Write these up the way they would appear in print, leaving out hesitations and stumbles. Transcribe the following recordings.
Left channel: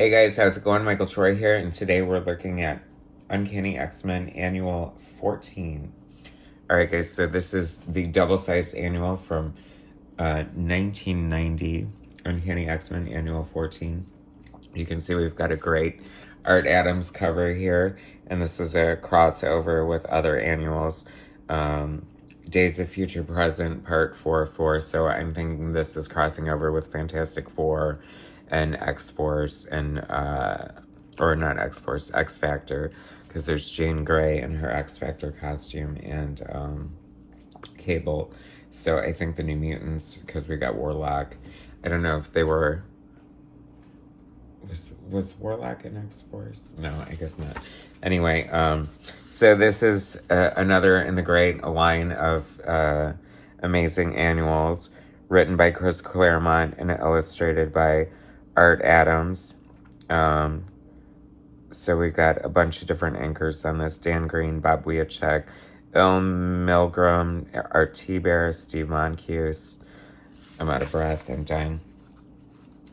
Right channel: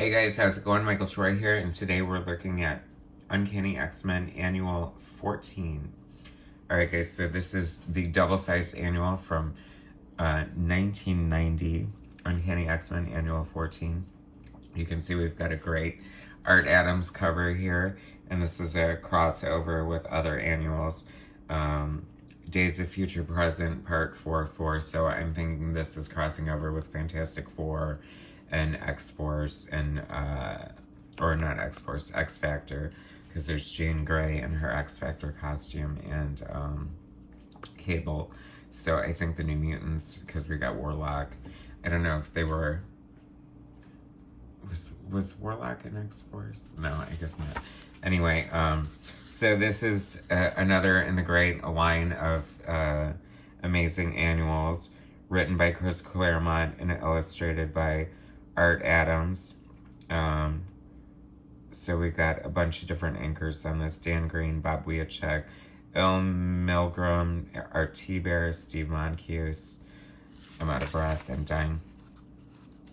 Hey guys, how's it going? Michael Troy here, and today we're looking at Uncanny X-Men Annual 14. Alright guys, so this is the double-sized annual from 1990, Uncanny X-Men Annual 14. You can see we've got a great Art Adams cover here, and this is a crossover with other annuals. Days of Future Present, Part 4, so I'm thinking this is crossing over with Fantastic Four and X-Force and, or not X-Force, X-Factor, because there's Jean Grey in her X-Factor costume and Cable. So I think the New Mutants, because we got Warlock. I don't know if they were... Was Warlock in X-Force? No, I guess not. Anyway, so this is another in the great line of amazing annuals, written by Chris Claremont and illustrated by Art Adams. So we've got a bunch of different anchors on this. Dan Green, Bob Wiacek, Bill Milgram, Art T-Bear, Steve Moncuse. I'm out of breath and dying.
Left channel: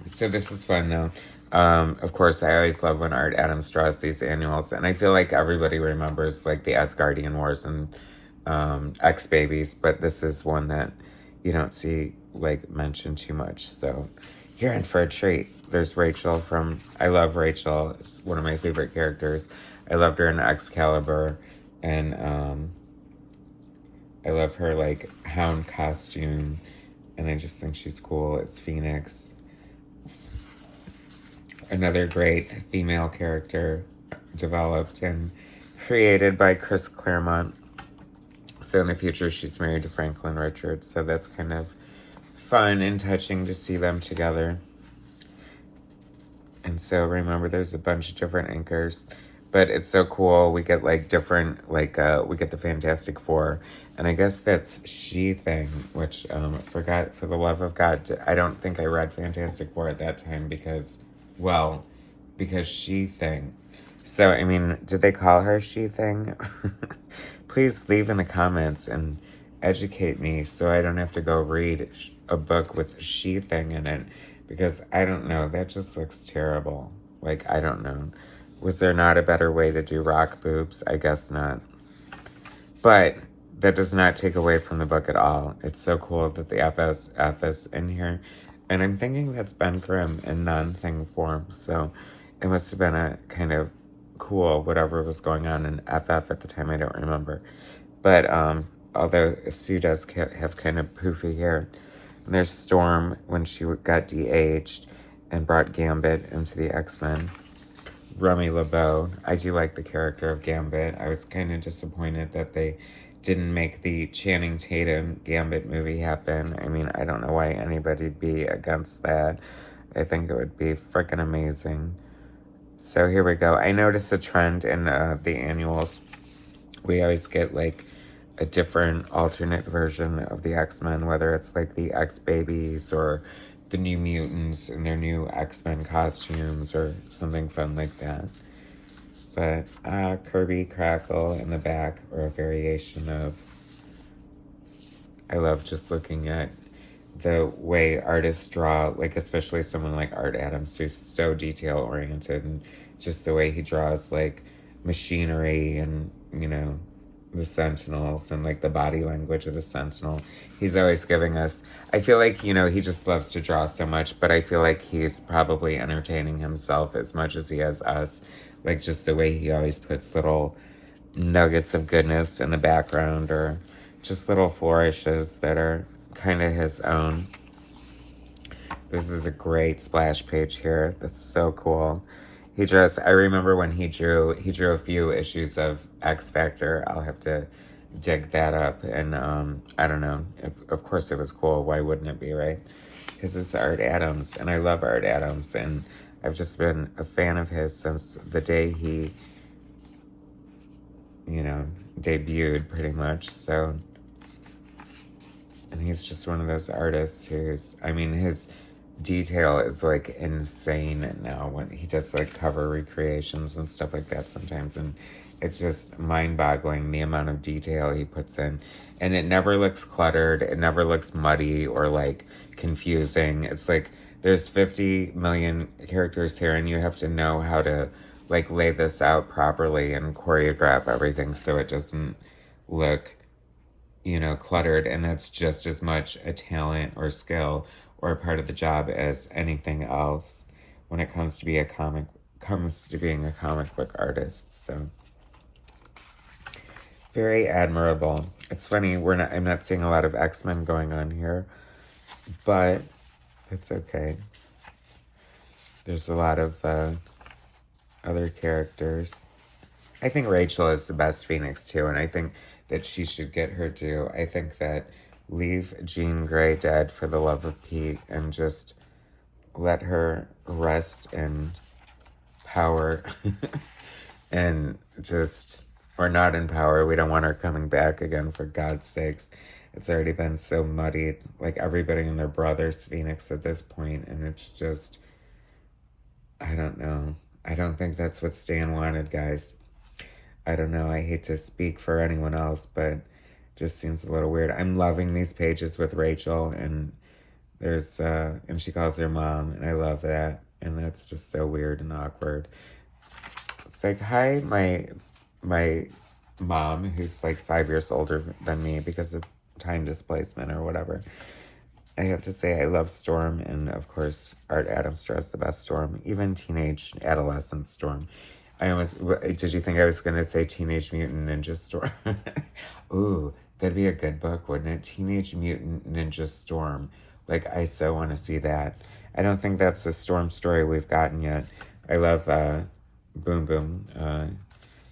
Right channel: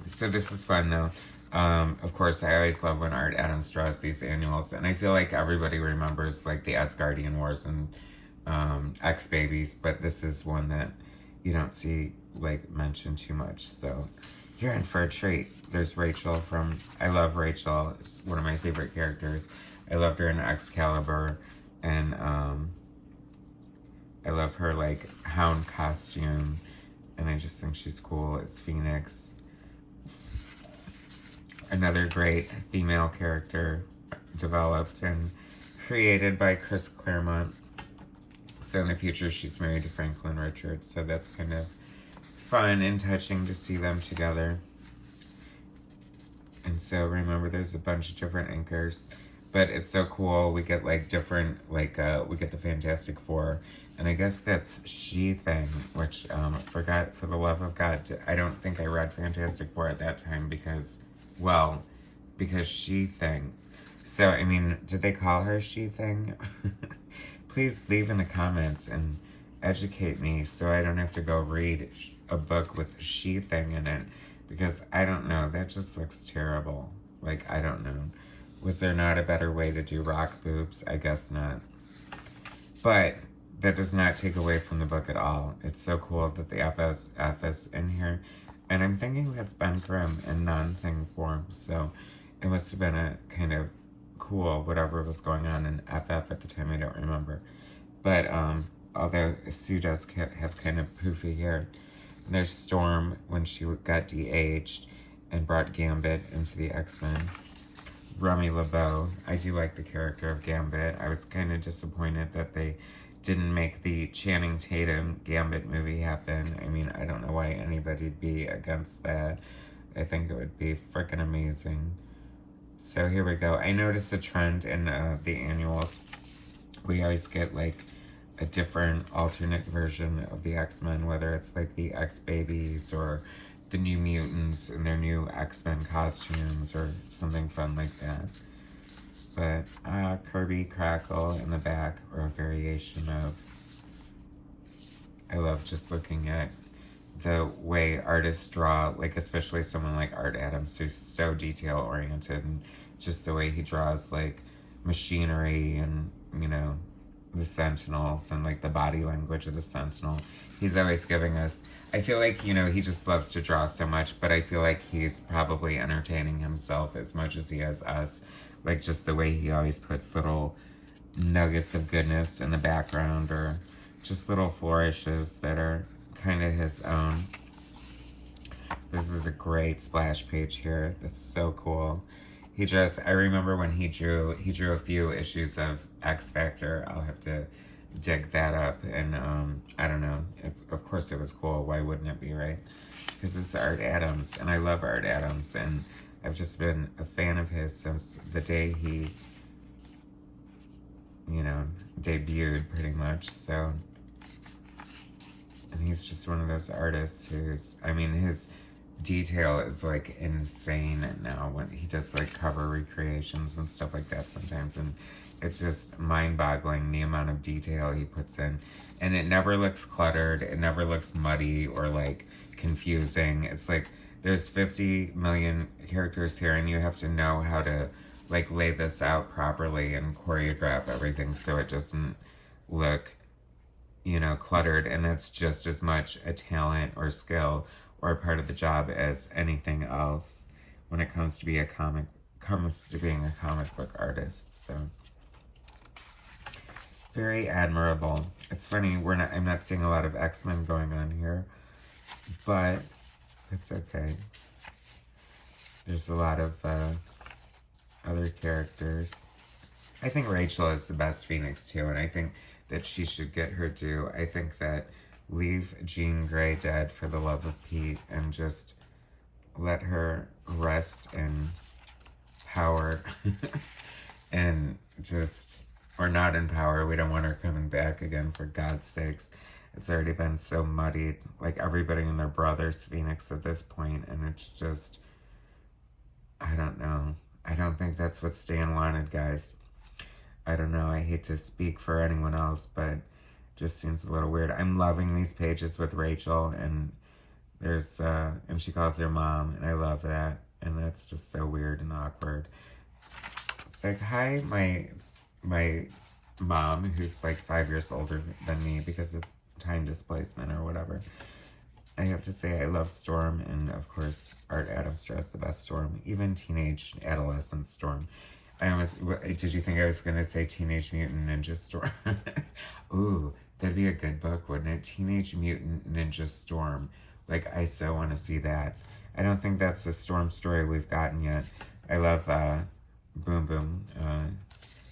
So this is fun though. Of course, I always love when Art Adams draws these annuals, and I feel like everybody remembers like the Asgardian Wars and X-Babies, but this is one that you don't see like mentioned too much, so you're in for a treat. There's Rachel from, I love Rachel, it's one of my favorite characters. I loved her in Excalibur, and I love her like hound costume, and I just think she's cool as Phoenix. Another great female character developed and created by Chris Claremont. So in the future, she's married to Franklin Richards, so that's kind of fun and touching to see them together. And so remember, there's a bunch of different anchors, but it's so cool. We get like different, like we get the Fantastic Four, and I guess that's She-Thing, which forgot, for the love of God, I don't think I read Fantastic Four at that time because She-Thing. So, I mean, did they call her She-Thing? Please leave in the comments and educate me so I don't have to go read a book with She-Thing in it, because I don't know, that just looks terrible. Like, I don't know. Was there not a better way to do rock boobs? I guess not. But that does not take away from the book at all. It's so cool that the FF is in here. And I'm thinking that's Ben Grimm in non-thing form, so it must have been a kind of cool whatever was going on in FF at the time, I don't remember. But although Sue does have kind of poofy hair. And there's Storm when she got de-aged and brought Gambit into the X-Men. Remy LeBeau. I do like the character of Gambit. I was kind of disappointed that they didn't make the Channing Tatum Gambit movie happen. I mean, I don't know why anybody'd be against that. I think it would be freaking amazing. So here we go. I noticed a trend in the annuals. We always get like a different alternate version of the X-Men, whether it's like the X-Babies or the New Mutants in their new X-Men costumes or something fun like that. But Kirby Crackle in the back, or a variation of. I love just looking at the way artists draw, like especially someone like Art Adams, who's so detail oriented, and just the way he draws like machinery and, you know, the Sentinels and like the body language of the Sentinel. He's always giving us, I feel like, you know, he just loves to draw so much, but I feel like he's probably entertaining himself as much as he has us. Like just the way he always puts little nuggets of goodness in the background, or just little flourishes that are kind of his own. This is a great splash page here. That's so cool. He draws, I remember when he drew a few issues of X Factor. I'll have to dig that up, and I don't know. Of course it was cool. Why wouldn't it be, right? Because it's Art Adams, and I love Art Adams, and I've just been a fan of his since the day he, you know, debuted pretty much, so. And he's just one of those artists who's, I mean, his detail is like insane now when he does like cover recreations and stuff like that sometimes, and it's just mind-boggling the amount of detail he puts in, and it never looks cluttered, it never looks muddy or like confusing. It's like there's 50 million characters here, and you have to know how to, like, lay this out properly and choreograph everything so it doesn't look, you know, cluttered. And that's just as much a talent or skill or a part of the job as anything else when it comes to being a comic book artist. So very admirable. It's funny, I'm not seeing a lot of X-Men going on here, but it's okay. There's a lot of other characters. I think Rachel is the best Phoenix too, and I think that she should get her due. I think that leave Jean Grey dead for the love of Pete and just let her rest in power and just, or not in power. We don't want her coming back again, for God's sakes. It's already been so muddied, like everybody and their brother's Phoenix at this point, and it's just, I don't know. I don't think that's what Stan wanted, guys. I don't know. I hate to speak for anyone else, but it just seems a little weird. I'm loving these pages with Rachel, and there's, and she calls her mom, and I love that. And that's just so weird and awkward. It's like, hi, my mom, who's like 5 years older than me because of time displacement or whatever. I have to say I love Storm, and of course Art Adams draws the best Storm, even teenage adolescent Storm. Did you think I was gonna say Teenage Mutant Ninja Storm? Ooh, that'd be a good book, wouldn't it? Teenage Mutant Ninja Storm. Like, I so want to see that. I don't think that's a Storm story we've gotten yet. I love Boom Boom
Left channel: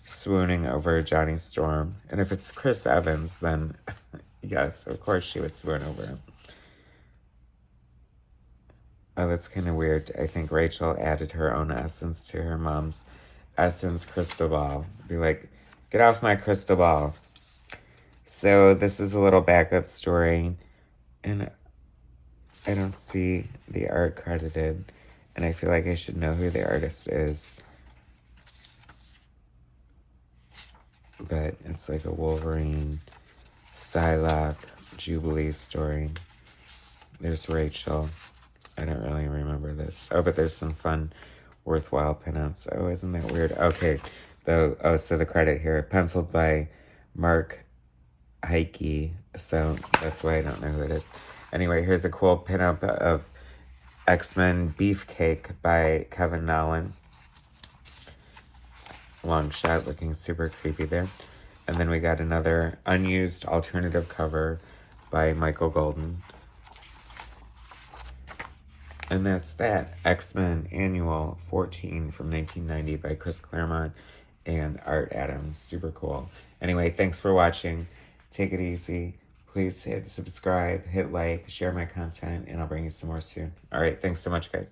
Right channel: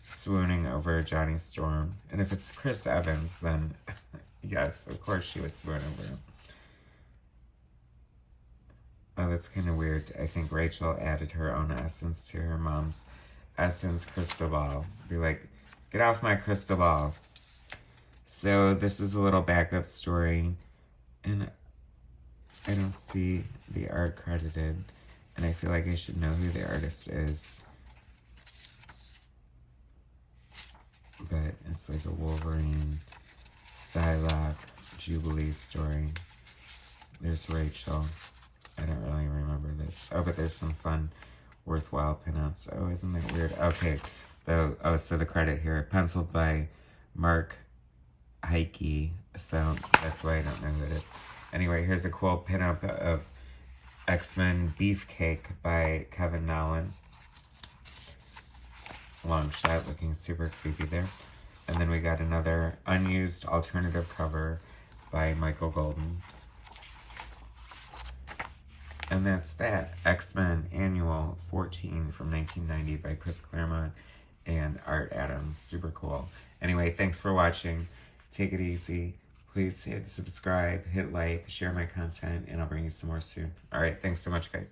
swooning over Johnny Storm. And if it's Chris Evans, then yes, of course she would swoon over him. Oh, that's kind of weird. I think Rachel added her own essence to her mom's essence crystal ball. Be like, get off my crystal ball. So this is a little backup story, and I don't see the art credited, and I feel like I should know who the artist is. But it's like a Wolverine, Psylocke, Jubilee story. There's Rachel. I don't really remember this. Oh, but there's some fun, worthwhile pinouts. Oh, isn't that weird? Okay. So the credit here, penciled by Mark Heike. So that's why I don't know who it is. Anyway, here's a cool pinup of X-Men Beefcake by Kevin Nolan. Long shot, looking super creepy there. And then we got another unused alternative cover by Michael Golden. And that's that. X-Men Annual 14 from 1990 by Chris Claremont and Art Adams. Super cool. Anyway, thanks for watching. Take it easy. Please hit subscribe, hit like, share my content, and I'll bring you some more soon. All right, thanks so much, guys.